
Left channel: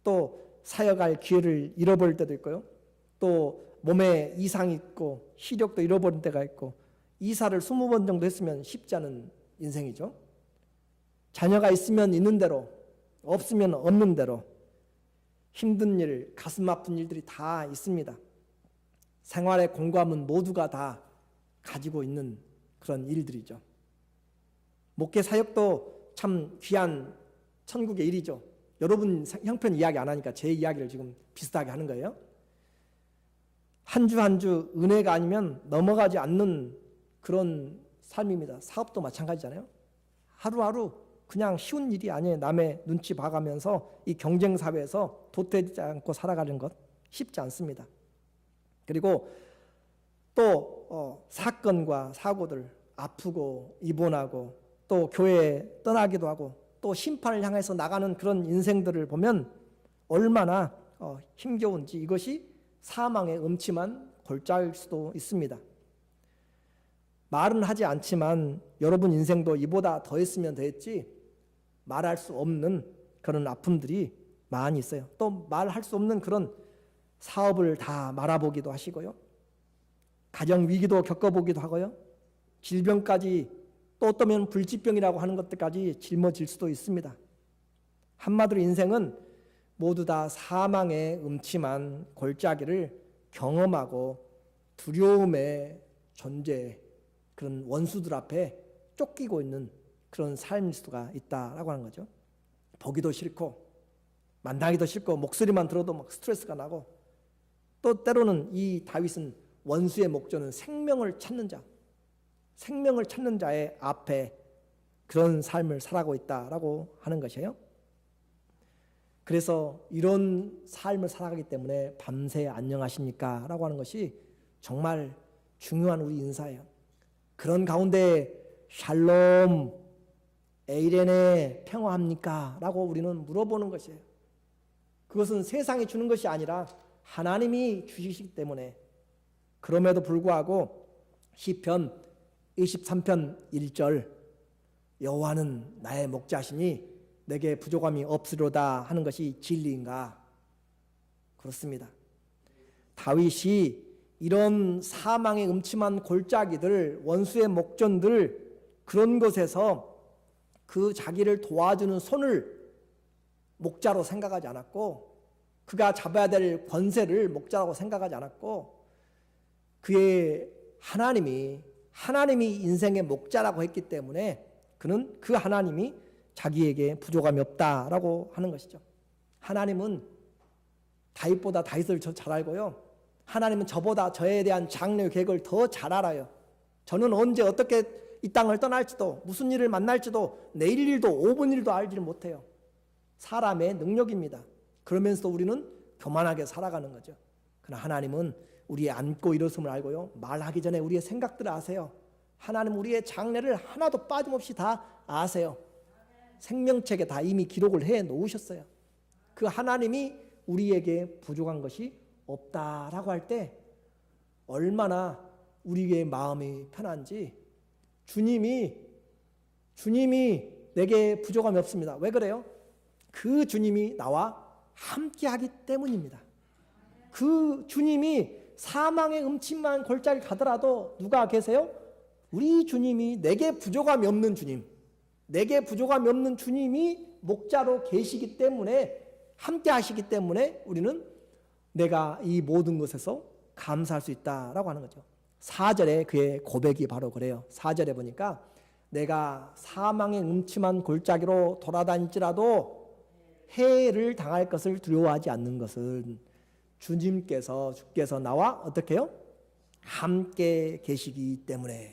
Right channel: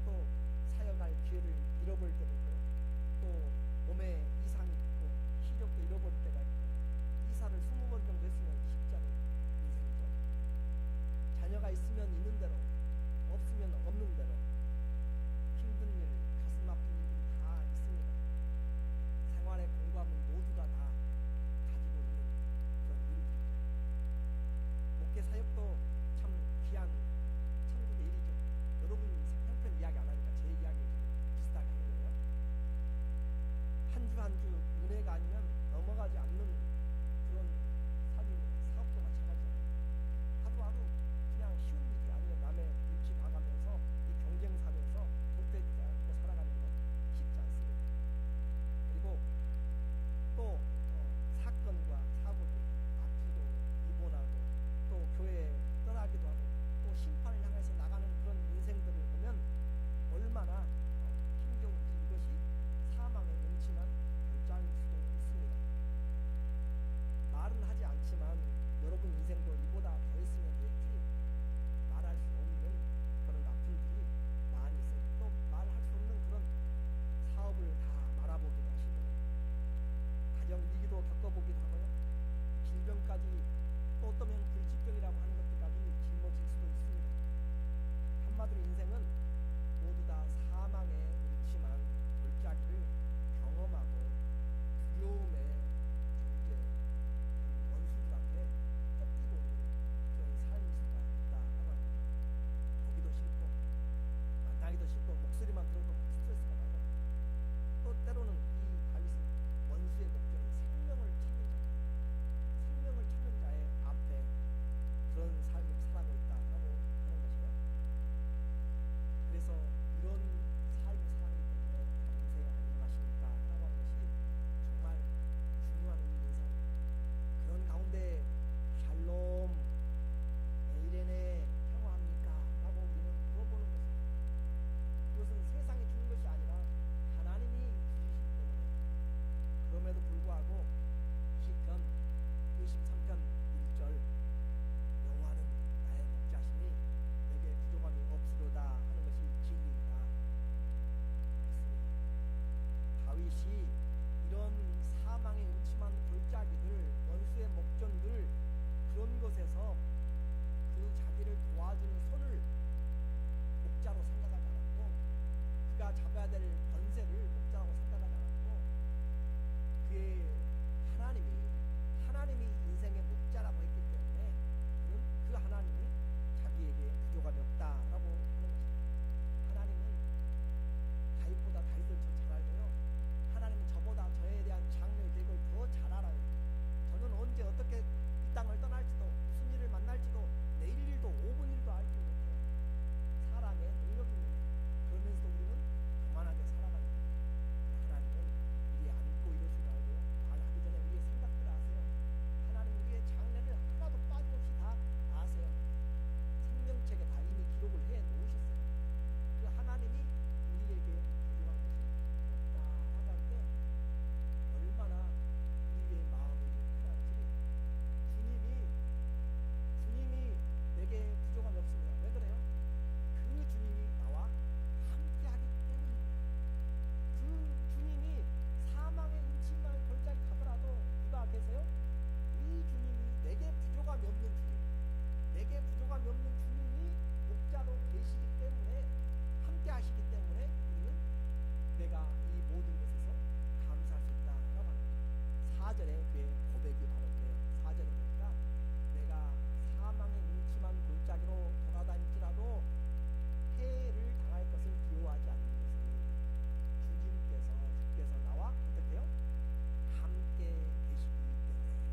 또 사역할 기회를 잃어버릴 때도 있고요, 또 몸에 이상이 있고 시력도 잃어버린 때가 있고, 이사를 20번 정도 했으면 쉽지 않은 인생이죠. 자녀가 있으면 있는 대로, 없으면 없는 대로 힘든 일, 가슴 아픈 일들이 다 있습니다. 생활의 공감은 모두가 다 가지고 있는 그런 일들이죠. 목회 사역도 참 귀한 천국의 일이죠. 여러분 형편 이야기 안 하니까 제 이야기를 지금 비슷하게 하는 거예요. 한 주 한 주 은혜가 아니면 넘어가지 않는 그런 삶입니다. 사업도 마찬가지잖아요. 하루하루 그냥 쉬운 일이 아니에요. 남의 눈치 봐가면서 이 경쟁 사회에서 도태되지 않고 살아가는 것 쉽지 않습니다. 그리고 또 사건과 사고들, 아프고 입원하고 또 교회에 떠나기도 하고 또 심판을 향해서 나가는 그런 인생들을 보면 얼마나 힘겨운지, 이것이 사망의 음침한 골짜기일 수도 있습니다. 말은 하지 않지만 여러분 인생도 이보다 더 했으면 됐지 말할 수 없는 그런 아픔들이 많이 있어요. 또 말할 수 없는 그런 사업을 다 말아보기도 하시고요, 가정 위기도 겪어보기도 하고요, 질병까지, 또 어떠면 불치병이라고 하는 것들까지 짊어질 수도 있습니다. 한마디로 인생은 모두 다 사망의 음침한 골짜기를 경험하고 두려움의 존재, 그런 원수들 앞에 쫓기고 있는 그런 삶일 수가 있다라고 하는 거죠. 보기도 싫고 만나기도 싫고 목소리만 들어도 막 스트레스가 나고, 또 때로는 이 다윗은 원수의 목전은 생명을 찾는 자, 생명을 찾는 자의 앞에 그런 삶을 살아가고 있다라고 하는 것이에요. 그래서 이런 삶을 살아가기 때문에 밤새 안녕하십니까? 라고 하는 것이 정말 중요한 우리 인사예요. 그런 가운데 샬롬, 에이레네, 평화합니까? 라고 우리는 물어보는 것이에요. 그것은 세상이 주는 것이 아니라 하나님이 주시기 때문에. 그럼에도 불구하고 시편 23편 1절, 여호와는 나의 목자시니 내게 부족함이 없으리로다 하는 것이 진리인가? 그렇습니다. 다윗이 이런 사망의 음침한 골짜기들, 원수의 목전들, 그런 것에서 그 자기를 도와주는 손을 목자로 생각하지 않았고, 그가 잡아야 될 권세를 목자라고 생각하지 않았고, 그의 하나님이 인생의 목자라고 했기 때문에 그는 그 하나님이 자기에게 부족함이 없다라고 하는 것이죠. 하나님은 다윗보다 다윗을 잘 알고요, 하나님은 저보다 저에 대한 장래 계획을 더 잘 알아요. 저는 언제 어떻게 이 땅을 떠날지도, 무슨 일을 만날지도, 내일 일도 5분 일도 알지를 못해요. 사람의 능력입니다. 그러면서도 우리는 교만하게 살아가는 거죠. 그러나 하나님은 우리의 앉고 일어섬을 알고요, 말하기 전에 우리의 생각들을 아세요. 하나님 우리의 장래를 하나도 빠짐없이 다 아세요. 생명책에 다 이미 기록을 해 놓으셨어요. 그 하나님이 우리에게 부족한 것이 없다라고 할 때 얼마나 우리의 마음이 편한지. 주님이 내게 부족함이 없습니다. 왜 그래요? 그 주님이 나와 함께하기 때문입니다. 그 주님이 사망의 음침한 골짜기 가더라도 누가 계세요? 우리 주님이 내게 부족함이 없는 주님, 내게 부족함이 없는 주님이 목자로 계시기 때문에, 함께 하시기 때문에 우리는 내가 이 모든 것에서 감사할 수 있다라고 하는 거죠. 4절에 그의 고백이 바로 그래요. 4절에 보니까 내가 사망의 음침한 골짜기로 돌아다닐지라도 해를 당할 것을 두려워하지 않는 것은 주께서 나와 어떻게 해요? 함께 계시기 때문에.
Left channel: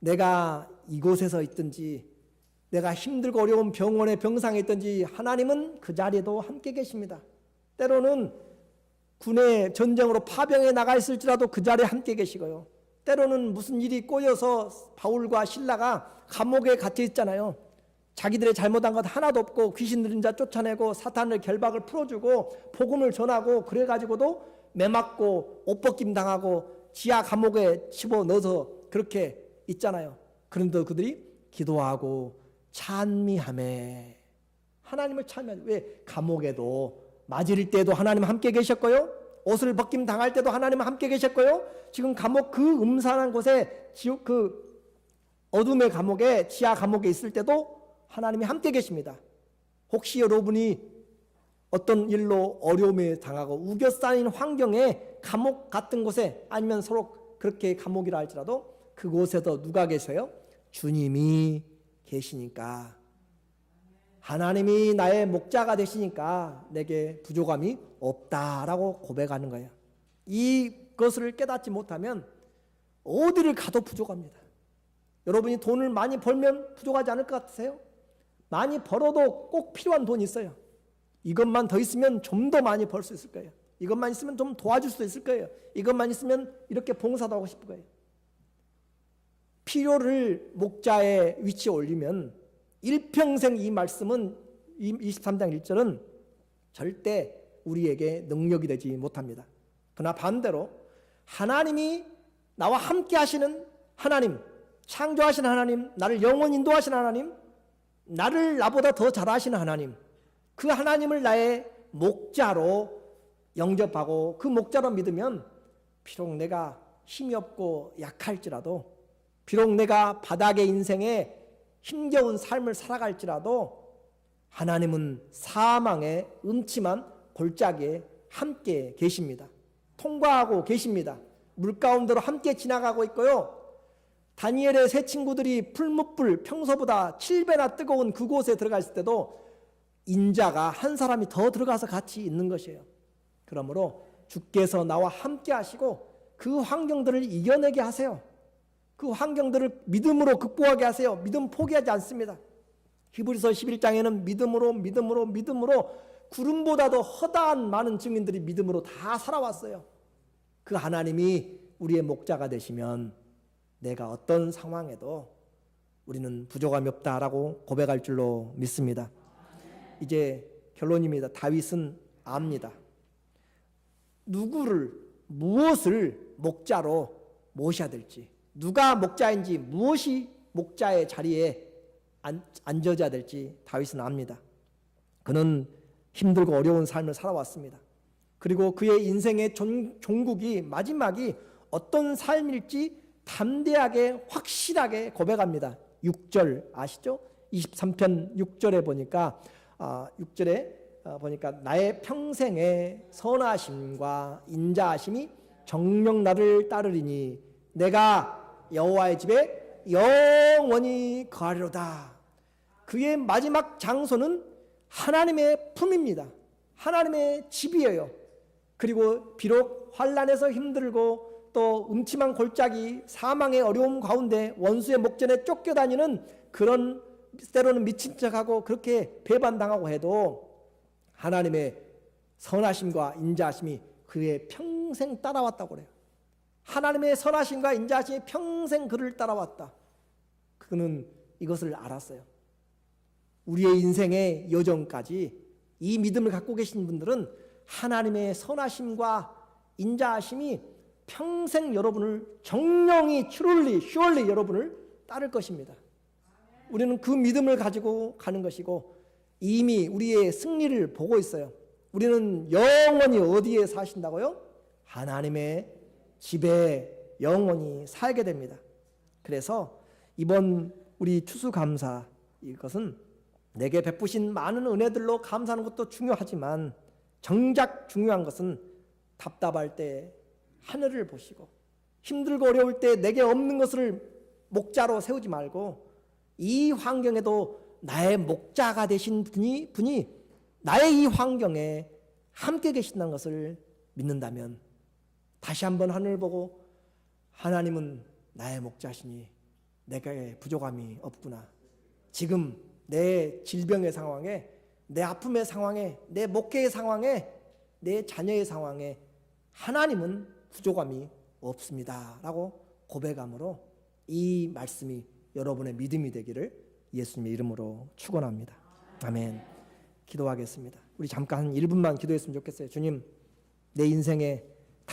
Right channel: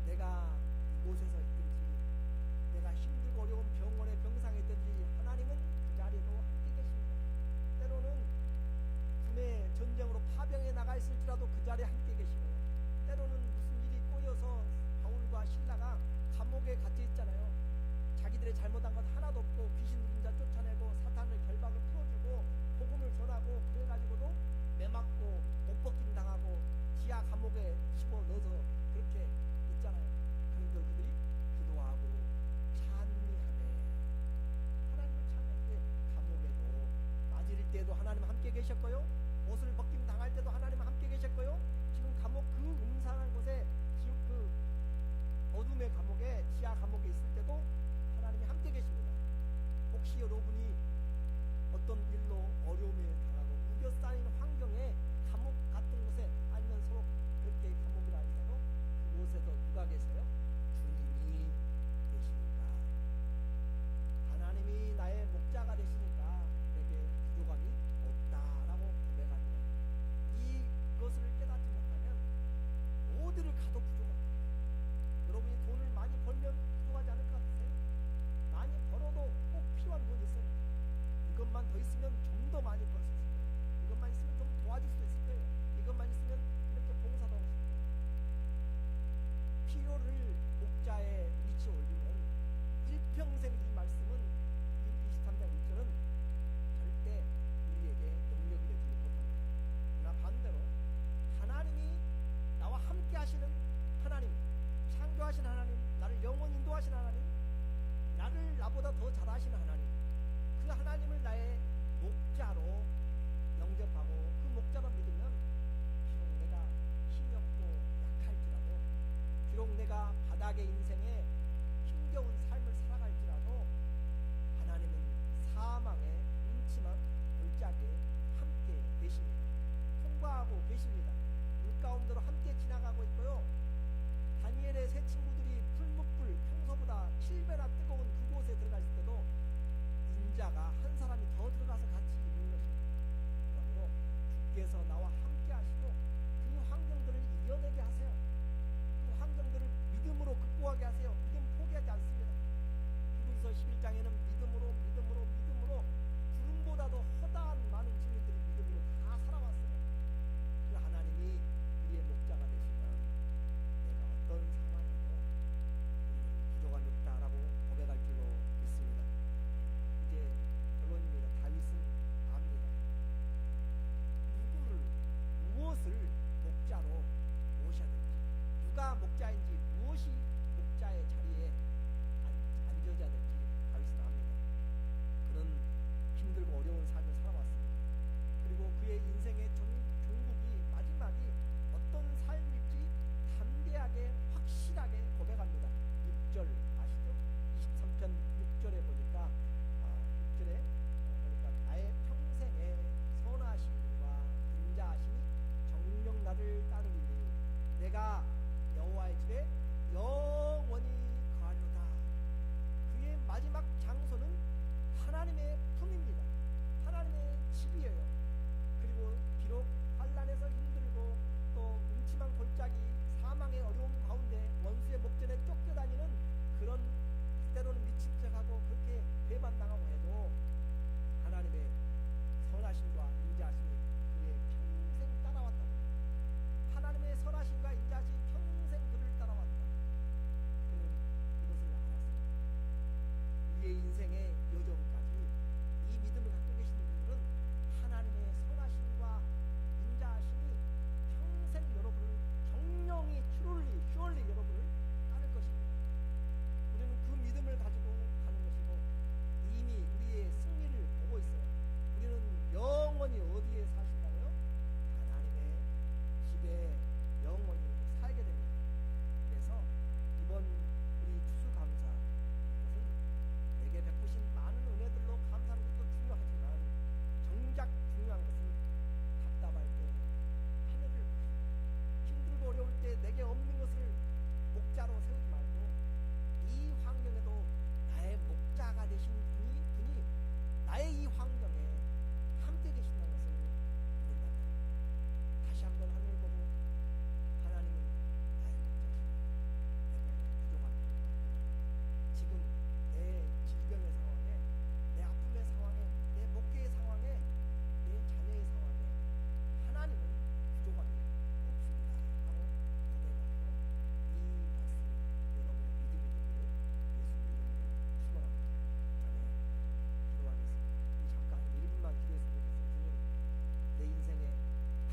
내가 이곳에서 있든지 내가 힘들고 어려운 병원에 병상에 있든지 하나님은 그 자리에도 함께 계십니다. 때로는 군의 전쟁으로 파병에 나가 있을지라도 그 자리에 함께 계시고요. 때로는 무슨 일이 꼬여서 바울과 실라가 감옥에 갇혀 있잖아요. 자기들의 잘못한 것 하나도 없고 귀신 들린 자 쫓아내고 사탄의 결박을 풀어주고 복음을 전하고 그래가지고도 매맞고 옷벗김 당하고 지하 감옥에 집어넣어서 그렇게 있잖아요. 그런데 그들이 기도하고 찬미하매 하나님을 찬미하죠. 왜? 감옥에도 맞을 때도 하나님 함께 계셨고요, 옷을 벗김 당할 때도 하나님 함께 계셨고요, 지금 감옥 그 음산한 곳에 지옥 그 어둠의 감옥에 지하 감옥에 있을 때도 하나님이 함께 계십니다. 혹시 여러분이 어떤 일로 어려움에 당하고 우겨싸인 환경에 감옥 같은 곳에 아니면 서로 그렇게 감옥이라 할지라도 그곳에도 누가 계세요? 주님이 계시니까, 하나님이 나의 목자가 되시니까 내게 부족함이 없다라고 고백하는 거예요. 이것을 깨닫지 못하면 어디를 가도 부족합니다. 여러분이 돈을 많이 벌면 부족하지 않을 것 같으세요? 많이 벌어도 꼭 필요한 돈이 있어요. 이것만 더 있으면 좀 더 많이 벌 수 있을 거예요. 이것만 있으면 좀 도와줄 수 있을 거예요. 이것만 있으면 이렇게 봉사도 하고 싶을 거예요. 필요를 목자의 위치에 올리면 일평생 이 말씀은 23장 1절은 절대 우리에게 능력이 되지 못합니다. 그러나 반대로 하나님이 나와 함께 하시는 하나님, 창조하신 하나님, 나를 영원 인도하시는 하나님, 나를 나보다 더 잘하시는 하나님, 그 하나님을 나의 목자로 영접하고 그 목자로 믿으면 비록 내가 힘이 없고 약할지라도, 비록 내가 바닥의 인생에 힘겨운 삶을 살아갈지라도 하나님은 사망의 음침한 골짜기에 함께 계십니다. 통과하고 계십니다. 물가운데로 함께 지나가고 있고요. 다니엘의 세 친구들이 풀무불 평소보다 7배나 뜨거운 그곳에 들어갔을 때도 인자가 한 사람이 더 들어가서 같이 있는 것이에요. 그러므로 주께서 나와 함께 하시고 그 환경들을 이겨내게 하세요. 그 환경들을 믿음으로 극복하게 하세요. 믿음 포기하지 않습니다. 히브리서 11장에는 믿음으로 구름보다도 허다한 많은 증인들이 믿음으로 다 살아왔어요. 그 하나님이 우리의 목자가 되시면 내가 어떤 상황에도 우리는 부족함이 없다라고 고백할 줄로 믿습니다. 이제 결론입니다. 다윗은 압니다. 누구를, 무엇을 목자로 모셔야 될지, 누가 목자인지, 무엇이 목자의 자리에 앉아야 될지 다윗은 압니다. 그는 힘들고 어려운 삶을 살아왔습니다. 그리고 그의 인생의 종국이, 마지막이 어떤 삶일지 담대하게 확실하게 고백합니다. 6절 아시죠? 23편 6절에 보니까 6절에 보니까 나의 평생의 선하심과 인자하심이 정녕 나를 따르리니 내가 여호와의 집에 영원히 거하리로다. 그의 마지막 장소는 하나님의 품입니다. 하나님의 집이에요. 그리고 비록 환난에서 힘들고 또 음침한 골짜기, 사망의 어려움 가운데 원수의 목전에 쫓겨다니는 그런, 때로는 미친 척하고 그렇게 배반당하고 해도 하나님의 선하심과 인자하심이 그의 평생 따라왔다고 그래요. 하나님의 선하심과 인자하심이 평생 그를 따라왔다. 그는 이것을 알았어요. 우리의 인생의 여정까지 이 믿음을 갖고 계신 분들은 하나님의 선하심과 인자하심이 평생 여러분을 정령이 surely 여러분을 따를 것입니다. 우리는 그 믿음을 가지고 가는 것이고 이미 우리의 승리를 보고 있어요. 우리는 영원히 어디에 사신다고요? 하나님의 집에 영원히 살게 됩니다. 그래서 이번 우리 추수감사 이것은 내게 베푸신 많은 은혜들로 감사하는 것도 중요하지만 정작 중요한 것은 답답할 때 하늘을 보시고 힘들고 어려울 때 내게 없는 것을 목자로 세우지 말고 이 환경에도 나의 목자가 되신 분이 나의 이 환경에 함께 계신다는 것을 믿는다면 다시 한번 하늘을 보고 하나님은 나의 목자시니 내게 부족함이 없구나. 지금 내 질병의 상황에, 내 아픔의 상황에, 내 목회의 상황에, 내 자녀의 상황에 하나님은 부족함이 없습니다 라고 고백함으로 이 말씀이 여러분의 믿음이 되기를 예수님의 이름으로 축원합니다. 아멘. 기도하겠습니다. 우리 잠깐 1분만 기도했으면 좋겠어요. 주님, 내 인생에